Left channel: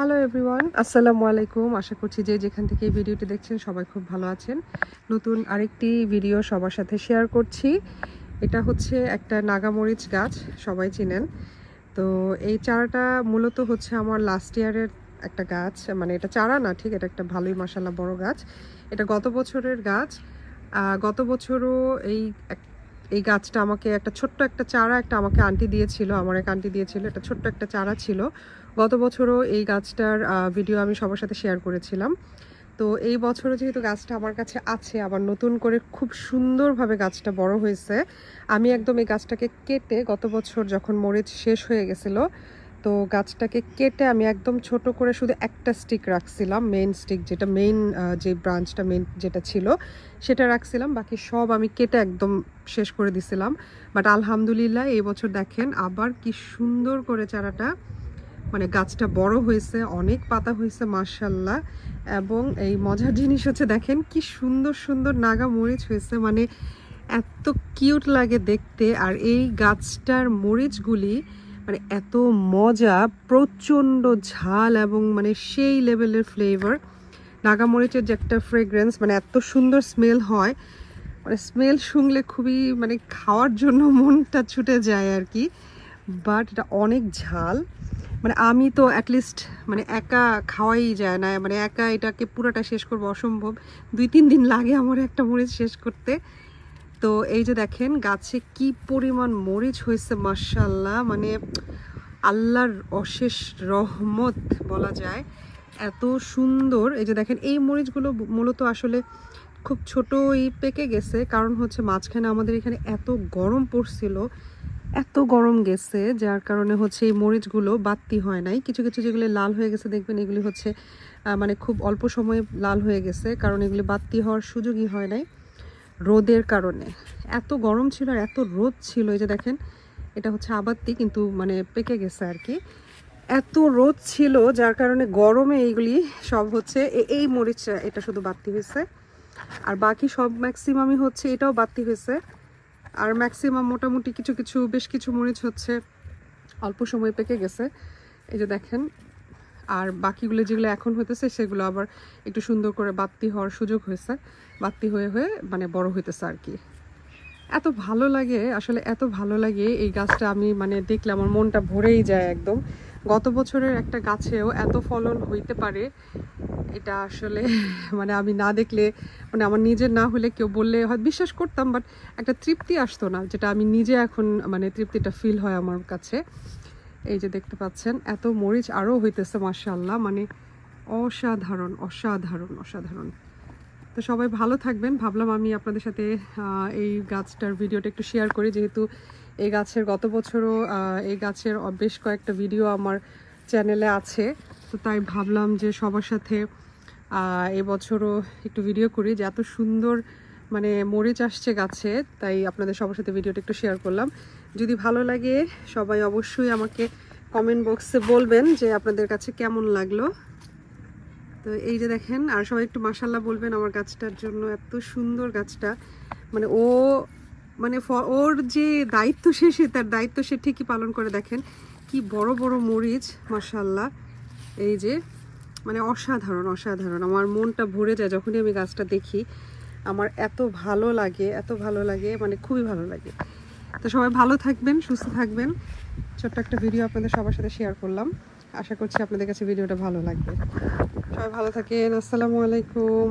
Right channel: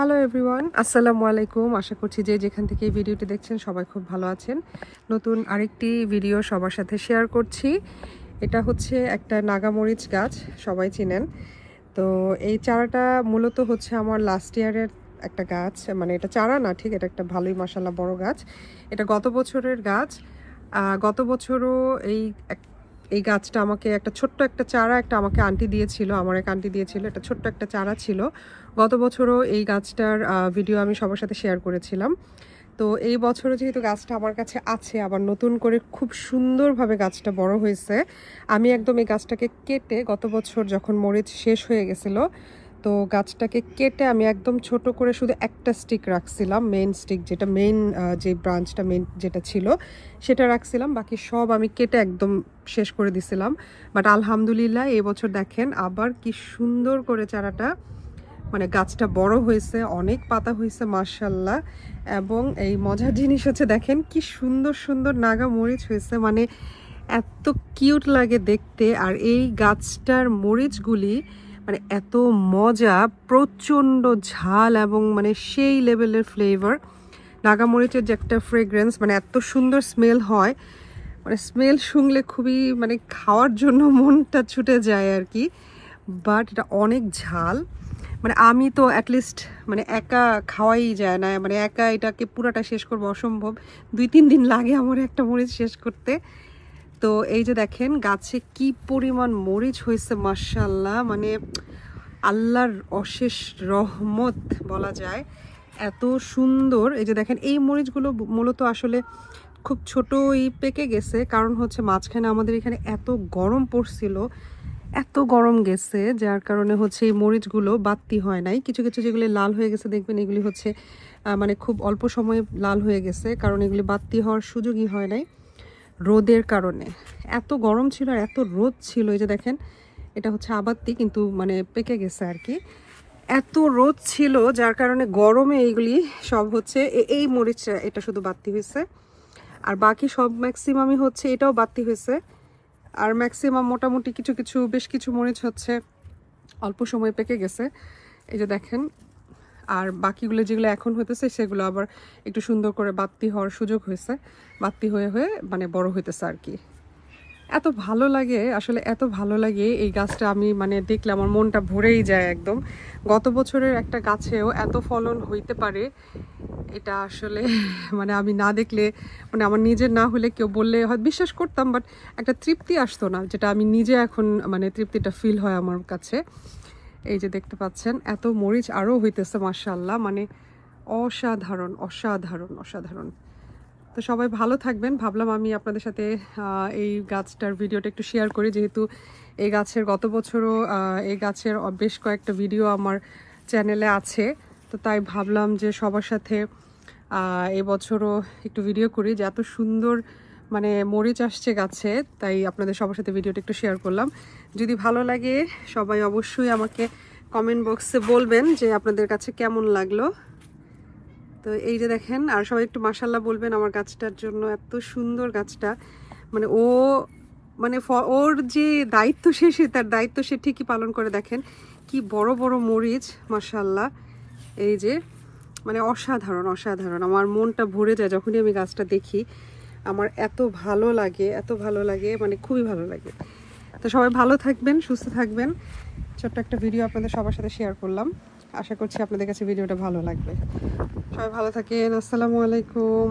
Hello everyone, আসসালামু আলাইকুম। আশা করছি যে যেখান থেকে এই ভিডিওটি দেখছেন সবাই খুব ভালো আছেন। নতুন আরেকটি ভিডিও সবার সাথে শেয়ার করছি। এটা হচ্ছে একটা নাগামরিচ গাছ, সবাই চিনেন। তো এই চারাটা মূলত হচ্ছে আমার লাস্ট ইয়ারের একটা গাছ, মানে এটা চারা না ঠিক, এটা একটা ভালোই মাশাআল্লাহ বড় গাছ। এটা গত বছরের গাছ। গত বছরও এই গাছটা আমাকে একটা ছোট্ট একটা চারা আমাকে আন্টি দিয়েছিল, আমার এক আন্টি দিয়েছিল। এটা ছোট্ট একটা চারা ছিল। গত বছরও এই গাছটার ভিডিও আমি সবার সাথে শেয়ার করেছিলাম। তো এই বছরও যেহেতু গাছটা আমার কাছে আছে, আবার নতুন করে খুব সুন্দরভাবে গাছটা বড় হয়েছে। আমি একদম এই গাছটাকে কেটে, গত বছর যখন মরিচ শেষ হয়ে গেছিল, তো গাছটাকে কেটে আমি একদম ছোট করে শুধু একটা স্টিক রাখছিলাম, মেইন স্টিক, যেটা মেইন যে ব্রাঞ্চটা মেইন যেটা ছিল সেটা রাখছিলাম। বাকি সব আমি কেটে একদম শেষ করে দিছিলাম। বাট আলহামদুলিল্লাহ এই বছর দেখেন আবার কি সুন্দর করে চারাটা, মানে গাছটা বড় হয়েছে, অনেক পাতা হয়েছে মাশাআল্লাহ। এবং এই মজার জিনিস হচ্ছে দেখেন কি সুন্দর সুন্দর নাগা মরিচ হয়েছে, মানে এত কিউট লাগে দেখতে। আর এই গাছটার মরিচগুলি মানে এত মজা, প্রচণ্ড ঝাল এবং মানে সেই লেভেলের ফ্লেভার। নাগা মরিচের যে একটা ফ্রেগ্রেন্স, মানে এত সুন্দর স্মেল হয়, মানে স্মেল শুনলে খুবই মানে খাওয়ার জন্য মনটা ছুটে যায় আর কি। বাট এটা অনেক ঝাল, মানে আমি তো অ্যাটলিস্ট মানে একা খাওয়াই যায় না, মানে একা এটাকে পুরাটা শেষ করবো অসম্ভব। 2-3 দিন লাগে আমার একটা মরিচ শেষ করতে। তো এই যে দেখেন গাছে কি পরিমাণ মরিচ হয়েছে মাশাআল্লাহ, মানে আল্লাহর অশেষ রহমত বলা যায়, এত সুন্দর। এই যে দেখেন এই মরিচগুলো মূলত আসলে খুব ছোটই পেকে গেছে, কারণ হচ্ছে মাঝখানে আমাদের এখানে এত গরম পড়ছিল, এত গরম গেছে, যার কারণে হচ্ছে এই মরিচগুলো বাড়তি হয় নাই। কিছু কিছু যেগুলি লাল হয়ে গেছে দেখবেন, এগুলি হচ্ছে মানে খুব অল্প সময়ে লাল হয়ে গেছে, কারণ এগুলি বাড়তি হওয়ার সুযোগই হয় নাই রোদের কারণে। এত গরম ছিল আর এত রোদ ছিল। এই যে দেখেন এটা হচ্ছে আবাত্তি, কিন্তু মানে পেকে গেছে আর কি। এত রোদ ছিল যার কারণে গরমে এইগুলি সব হচ্ছে, এই মরিচটা এটা শুধু বাড়তি হয়েছে, আর বাকি সব ম্যাক্সিমামই হচ্ছে এটাও বাড়তি হয়েছে। আর ম্যাক্সিমাম মোটামুটি কিছু কিছু বেশ কিছু মরিচ হচ্ছে অল্প সময় পেকে গেছে, এই যে দেখেন। আর বাকিগুলো যেগুলো এখন হইতেছে সেগুলো আবার একটু সুন্দর করে বাড়তি হওয়ার সুযোগ হয়েছে, বাড়তি হয়ে হয়ে মানে বড় হইতেছে আর কি। এত ভালো লাগে আসলে, এত ভালো লাগে এই গাছটা। আমি মানে দেখলে আমার মনটা ভরেই যায় একদম। গত বছরের একটা গাছেও এত ফলন হইতে পারে, এটা আসলে মানে আমি না দেখলে, মানে আমার নিজের না হলে কেউ বললে হয়তো বিশ্বাস করতাম, বাট একটা তৃপ্তি আসতো না, যেটা আমি নিজে এখন মানে তৃপ্তিটা ফিল হয় আমার কাছে। এই যে দেখতে পাচ্ছেন এত মরিচ আরও হইতেছে মাশাআল্লাহ, মানে অসাধারণ অসাধারণ অসাধারণ। তো সবাই ভালো থাকবেন। ভাবলাম আমি আপনাদের সাথে এই গাছটার ভিডিওটা একটু শেয়ার করি, যেহেতু এই গাছের গত বছরও এই গাছের বেশ কয়েকটা ভিডিও আমার চ্যানেলে আছে। তো তাই ভাবলাম যে সবার সাথে এবছরও একটু ভিডিও করি, যে এত সুন্দর মানে মরিচ আসছে গাছে, তাই আপনাদের সবার সাথে ভিডিওটা একটু শেয়ার করলাম। যদি ভালো লাগে সবাই অবশ্যই আমাকে কমেন্ট বক্সে বলবেন যে আপনাদের কাছে কেমন লাগলো। তো এই যে দেখেন, আর সবাই একটু মাশাআল্লাহ বলবেন আমার গাছটার জন্য, এত সুন্দর গাছটা। মানে মানে ওর যে দায়িত্ব শেষে, তার দায়িত্ব সে ঠিকই পালন করে। দেখেন কি বড় বড় মরিচ মাশাআল্লাহ, এই যে মানে অসাধারণ অসাধারণ। আমার মনটা ভরে যায় যখনই আমি গাছটা দেখি, আমার এত ভালো লাগে, এত ভালো লাগে, মানে খুবই ভালো লাগে। তো সবাই ভালো থাকবেন, সুস্থ থাকবেন। ছোট্ট একটা ভিডিও আপনাদের সবার সাথে শেয়ার করলাম, আশা করছি আপনাদের কাছে ভিডিওটা ভালো লাগবে। সবাই ভালো থাকেন, আসসালামু আলাইকুম।